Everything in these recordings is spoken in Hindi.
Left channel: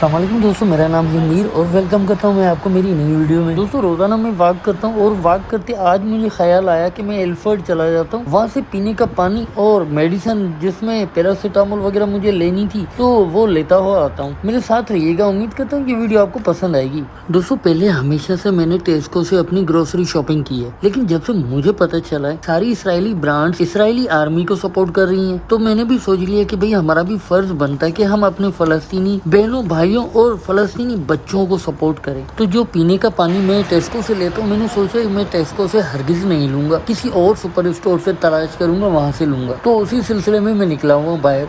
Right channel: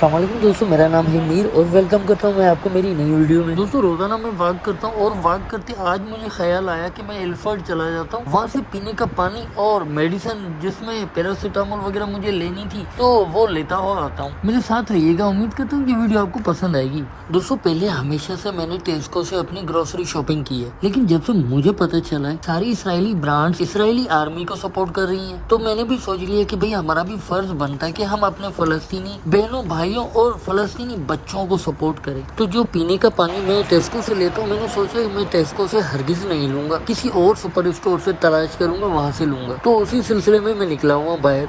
अस्सलाम वालेकुम दोस्तों, मेरा नाम है मीर और वेलकम करता हूँ मैं आपको मेरी नई वीडियो में। दोस्तों रोजाना मैं वॉक करता हूँ और वॉक करते आज मुझे ख्याल आया कि मैं एल्फर्ड चला जाता हूँ, वहाँ से पीने का पानी और मेडिसिन जिसमें पैरासीटामोल वगैरह मुझे लेनी थी तो वो लेता हुआ आता हूँ। मेरे साथ रहिएगा, उम्मीद करता हूँ कि वीडियो आपको पसंद आएगी। दोस्तों पहले हमेशा से मैंने टेस्को से अपनी ग्रोसरी शॉपिंग की है, लेकिन जब से मुझे पता चला है सारी इसराइली ब्रांड्स इसराइली आर्मी को सपोर्ट कर रही है, तो मैंने भी सोच लिया कि भाई हमारा भी फर्ज बनता है कि हम अपने फलस्तीनी बहनों भाइयों और फलस्तीनी बच्चों को सपोर्ट करें। तो जो पीने का पानी मैं टेस्को से लेता हूँ, मैंने सोचा मैं टेस्को से हरगिज नहीं लूंगा, किसी और सुपर स्टोर से तलाश करूंगा, वहाँ से लूंगा। तो उसी सिलसिले में मैं निकला हुआ बाहर।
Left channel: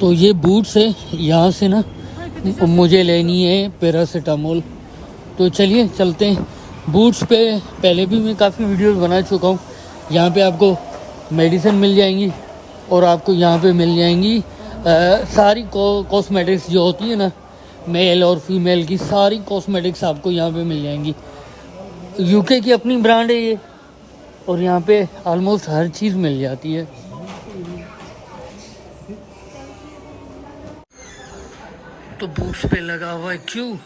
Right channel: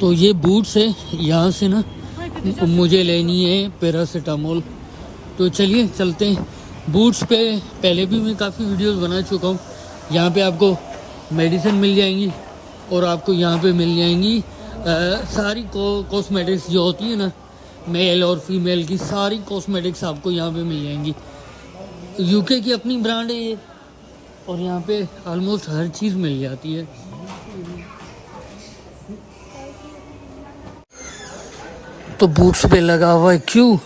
तो ये बूट्स है, यहाँ से ना मुझे लेनी है पैरासीटामोल। तो चलिए चलते हैं। बूट्स पे पहले भी मैं काफ़ी वीडियोस बना चुका हूँ। यहाँ पे आपको मेडिसिन मिल जाएंगी और आपको यहाँ पे मिल जाएंगी सारी कॉस्मेटिक्स जो होती है ना, मेल और फीमेल की सारी कॉस्मेटिक्स आपको यहाँ पे मिल जाएंगी। यूके की अपनी ब्रांड है ये, और यहाँ पे ऑलमोस्ट हर चीज़ मिल जाती है। तो बूट्स पे लगा हुआ है क्यों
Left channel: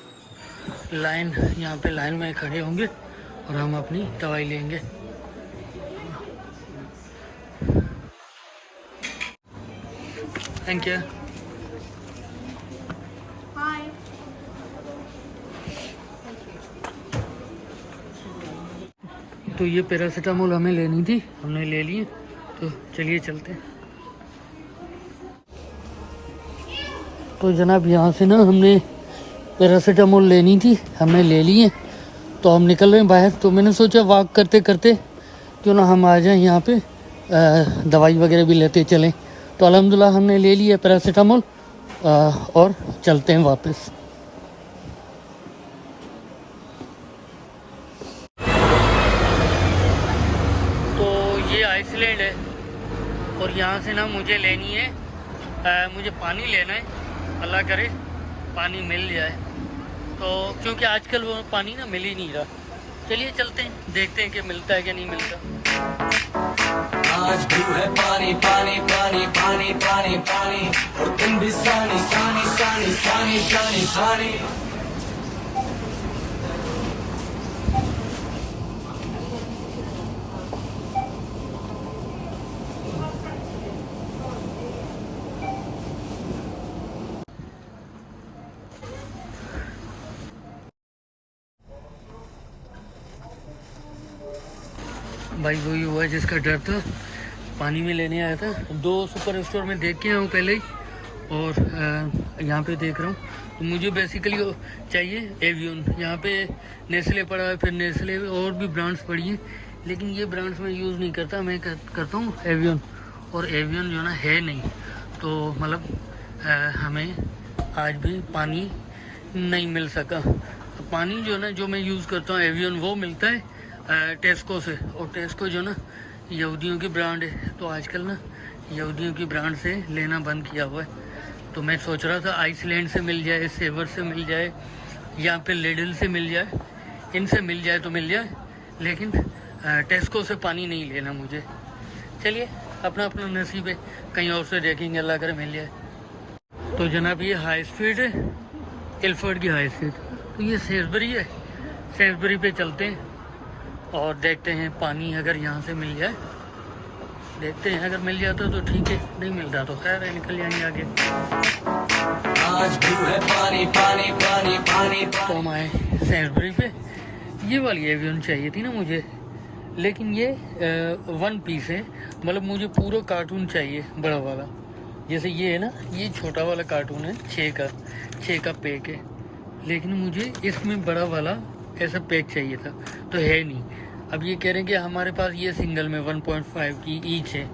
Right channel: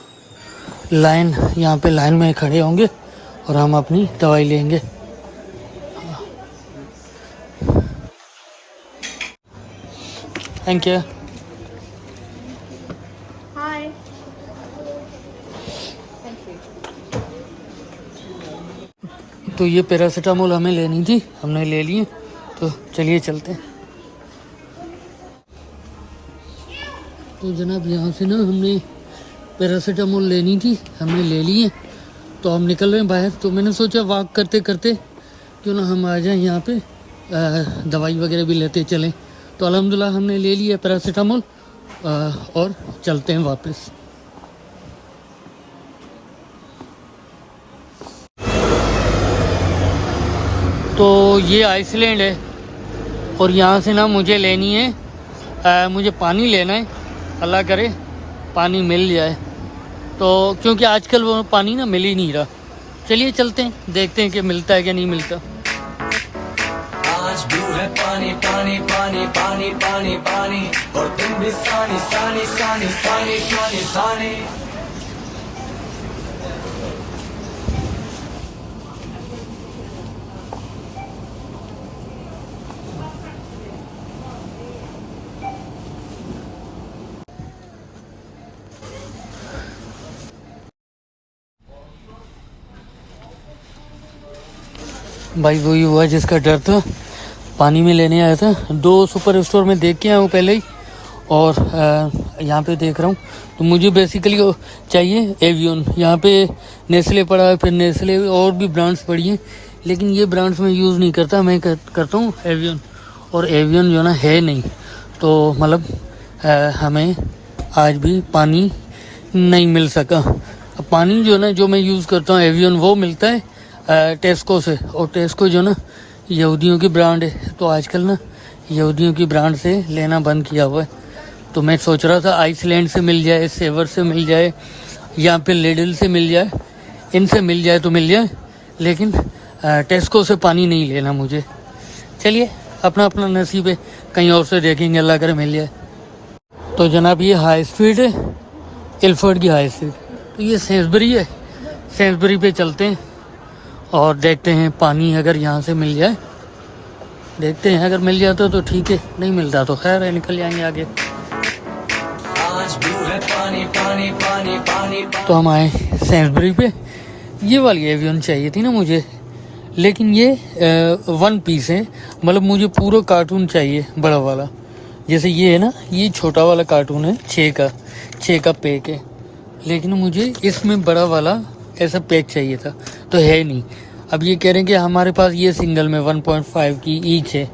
लाइन, यहाँ पे लाइन में खड़े होंगे और हम अपनी दवाई लेंगे। Thank you. तो ये पैरासीटामोल हमें लेनी थी, हमने ले ली। तो चलिए चलते हैं। तो जनाब यहाँ से ना हमने पैरासीटामोल लेनी थी, हमने ले ली है। तो हम निकल रहे हैं बाहर। तो मैंने सोचा वॉक करते करते क्यों ना हम आ जाएं यहाँ पे, दवाई वगैरह भी लेते चलें। तो अल्हम्दुलिल्लाह हमने ले लिया पैरासीटामोल और चलते हैं वापस। तो ये आइसलैंड है और यहाँ से ना मुझे लेनी है मुझे पानी लेना है, अल्लाह करे पानी मिल जाए। तो क्योंकि आजकल वो पानी ना मिल ही नहीं रहा। चलिए चलते हैं, देखते हैं कि मिलता है कि नहीं मिलता। आज भी है पानी पानी पानी पानी पानी पानी, और तुम भी सानी सानी सानी सानी सानी सानी। भाई वही हुआ जिसका डर था, पानी में लेने आया था। 2 सुपर स्टोर में देख के आया हूँ पहले ही, और यहाँ पे देख रहा हूँ। तो मुझे बेसिकली चाहिए एवियन। यहाँ पे नेस्ले पड़ा है, फिर नेस्ले और भी ब्रांड्स पड़ी हैं, लेकिन ये ब्रांड्स मैं यूज़ नहीं करता। मैं करता हूँ एवियन, और एवियन जो ना है नहीं। तो मतलब हमें आज भी पानी नहीं मिल सका। अब पानी जो ना जो मैं यूज़ करता हूँ एवियन, वो मिलता है टेस्को से। और टेस्को जो ना यहूदियों की ब्रांड है, तो आजकल ना यहूदियों की ब्रांड से लेना बंद किया हुआ है। तो मैं सोच रहा था आइसलैंड से मिल जाए, सेवर से मिल जाए, या फिर लिडल से मिल जाए, इनसे मिल जाए तो मिल जाए, लेकिन टेस्को से पानी नहीं लेना मुझे। चलिए अपना अपना नसीब है, कहीं और से देखेंगे, अल्लाह करे मिल जाए। तो जनाब ये हाई स्ट्रीट है, एल्फर्ड की हाई स्ट्रीट। तो ये सेंसबरी है, सेंसबरी पे चलते हैं और देखते हैं पानी अगर यहाँ से मिल जाए। देखते हैं अगर मिल जाता तो ठीक है, नहीं मिलता तो खैर है, निकल जाएंगे आगे। आज भी है पानी पानी पानी पानी। तो हम आए सेंसबरी पे। ये वाली एवियन चाहिए थी ना मुझे, लेकिन ये 1 पीस है, मतलब मुझे पूरा कार्टून चाहिए बड़ा वाला। जैसे ये है ना, ये छोटा वाला कार्टून है 6 का पैक है, लेकिन मुझे इसमें बड़ा वाला ऐसा पैक चाहिए था, तो है नहीं। अब ये कह रहे हैं कि हमारे पास ये सिंगल में 1.5 की ईच है।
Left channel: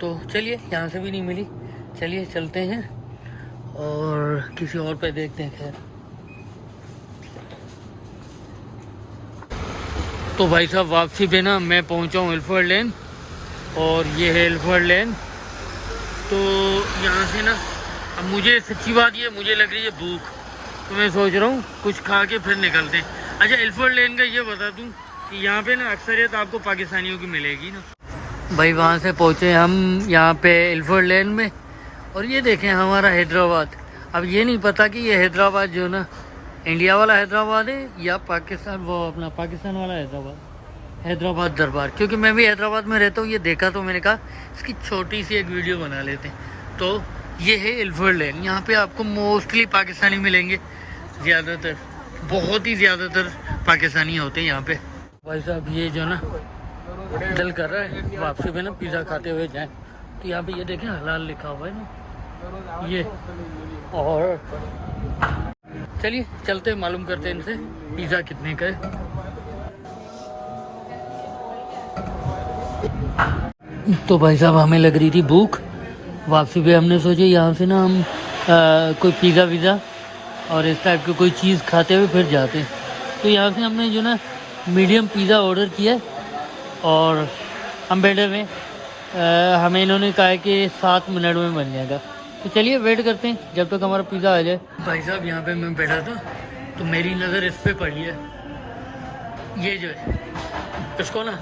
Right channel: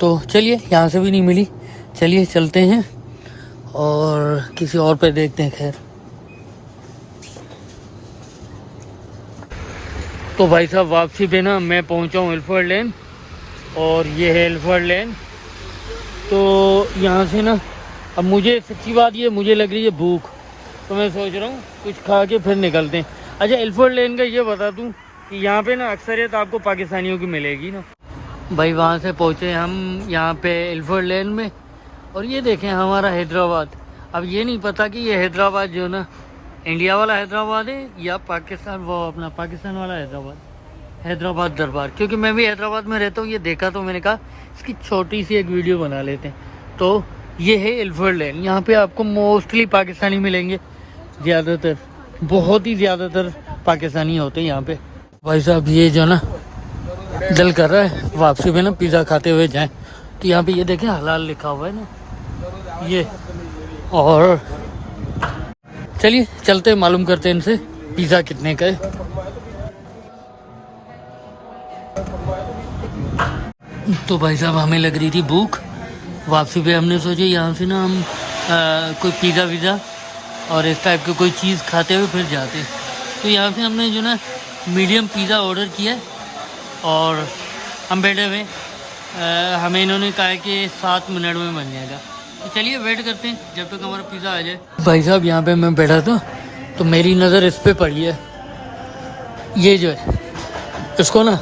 तो चलिए यहाँ से भी नहीं मिली, चलिए चलते हैं और किसी और पे देखते हैं। खैर तो भाई साहब वापसी पे ना मैं पहुँचा हूँ एल्फर्ड लेन, और ये है एल्फर्ड लेन। तो यहाँ से ना अब मुझे सच्ची बात ये मुझे लग रही है भूख, तो मैं सोच रहा हूँ कुछ खा के फिर निकलते हैं। अच्छा एल्फर्ड लेन का ये बता दूँ कि यहाँ पे ना अक्सरियत आपको पाकिस्तानियों की मिलेगी ना। भाई वहाँ से पहुँचे हम यहाँ पे एल्फर्ड लेन में, और ये देखें हमारा हैदराबाद। अब ये नहीं पता कि ये हैदराबाद जो ना इंडिया वाला हैदराबाद है या पाकिस्तान, वो अपना पाकिस्तान वाला हैदराबाद दरबार, क्योंकि मैं भी हैदराबाद में रहता हूँ। ये देखा तो मैंने कहा इसकी छोटी सी एक वीडियो बना लेते हैं। तो ये है एल्फर्ड लेन। यहाँ पे आपको मोस्टली पाकिस्तानी मिलेंगे, ज़्यादातर, बहुत ही ज़्यादातर पाकिस्तानी होते हैं यहाँ पे। भाई साहब ये जो ना दिल कर रहा है वापसी पे ना पिज़्ज़ा खाते हुए जाएं, तो यहाँ पे ये देखें हलाल लिखा हुआ है ना ये। और चलिए चलते मालूम करते हैं इनसे पिज़्ज़ा कितने का है। तो भाई साहब हमें लग रही थी भूख, वापसी पे हमने सोचा यहाँ से ना हम कोई पिज़्ज़ा वीज़ा और इस टाइप की कोई चीज़ खाते हुए फिर जाते। तो यहाँ से हमने जो ना मीडियम पिज़्ज़ा ऑर्डर किया और हम बैठे हुए, हमें इन्होंने कहा है कि 7 मिनट में बन जाएगा। तो चलिए वेट करते हैं जब तक हमारा पिज़्ज़ा आ जाए। भाई साहब यहाँ पे मैं बैठा था तो मेरी नज़र इस पे पड़ी है, ये जो है इसको ना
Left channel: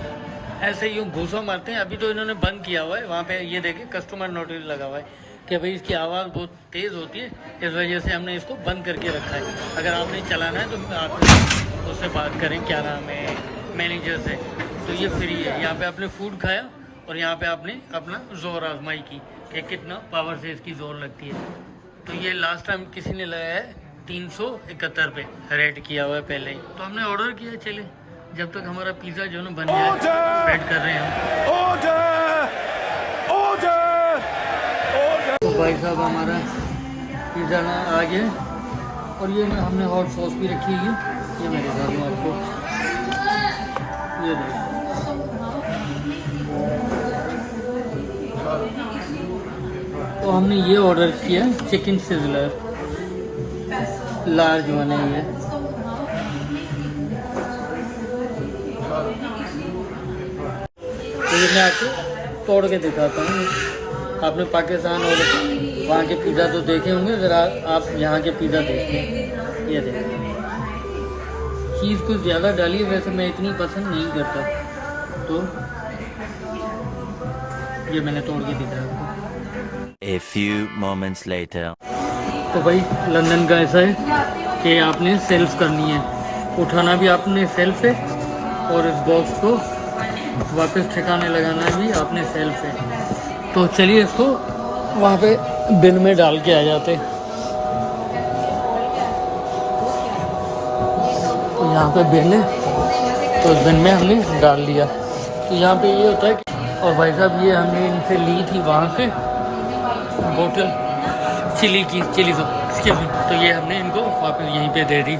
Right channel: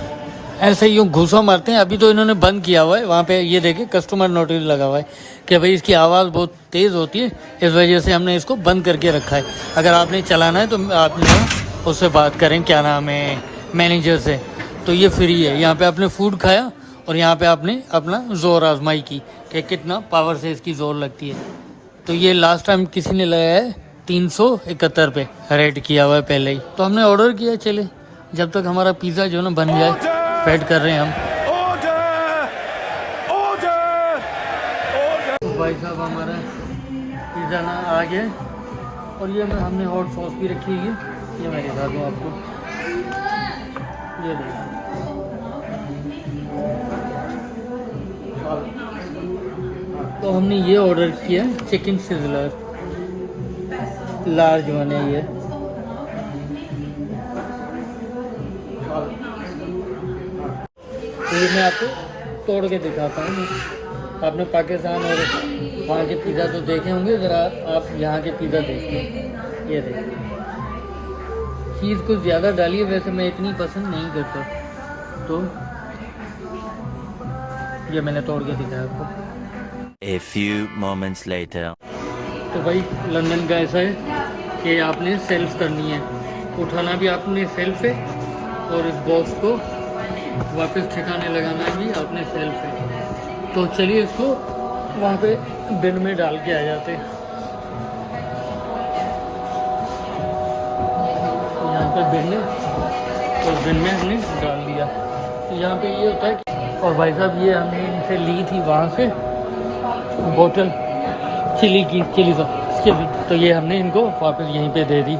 ऐसे यूँ घूसा मारते हैं। अभी तो इन्होंने बंद किया हुआ है, वहाँ पे ये देखिए कस्टमर नोटिस लगा हुआ है कि भाई इसकी आवाज़ बहुत तेज़ होती है, इस वजह से हमने इसको बंद करके रखा है। अगर आपने चलाना है तो आपने उससे बात करें, क्या नाम है, मैनेजर से। तो ये फ्री है। यहाँ पे आपने फूड खाया और यहाँ पे आपने अपना ज़ोर आजमाई की कि कितना पावर से इसकी ज़ोर लगती है। तो ये लास्ट टाइम किसी ने लगाया है 371 पे रेट किया हुआ है पहले ही। तो हमने ऑर्डर किया, चले जब तक हमारा पिज़्ज़ा जो ना बन जाए वेट कर रहे हैं हम। तो भाई साहब हमारा पिज़्ज़ा ना आ गया और ये हमने हॉट सॉस भी रखी है, ये मेरे साथ में आपको ये देखिए। तो हमने ये ऑर्डर किया चिकन सिजलर, लार्ज वन है ये। तो ये मैं आपको तोड़ के दिखाता हूँ। आपने पाकिस्तान और वहाँ के पिज़्ज़ा तो देखे होंगे, ज़रा आप यहाँ के पिज़्ज़ा देखें। ये देखें, चीज़ कुछ ज़्यादा डाली है, वैसे मैं इतनी पसंद नहीं करता। तो ये मैंने तोड़ के दिखाया आपको। A few moments later. तो भाई लंदन का ऐसा है कि आपने सेल्फ करनी है, उठाना भी आपने सेल्फ है और इस बॉक्स को वापस ठिकाने लगाना भी आपने सेल्फ है। तो चलिए इसको वहाँ पे बिन में डाल के आ जाते। तो यहाँ पे बिन है, तो बिन में हमने डाल दिया। तो यहाँ पे ये होता है कि, और भाई साहब ये हमने इनसे ली थी वहाँ से बोतल चिली सॉस इसके भी, तो ये हमने इनको वापस यहीं पे दे दी।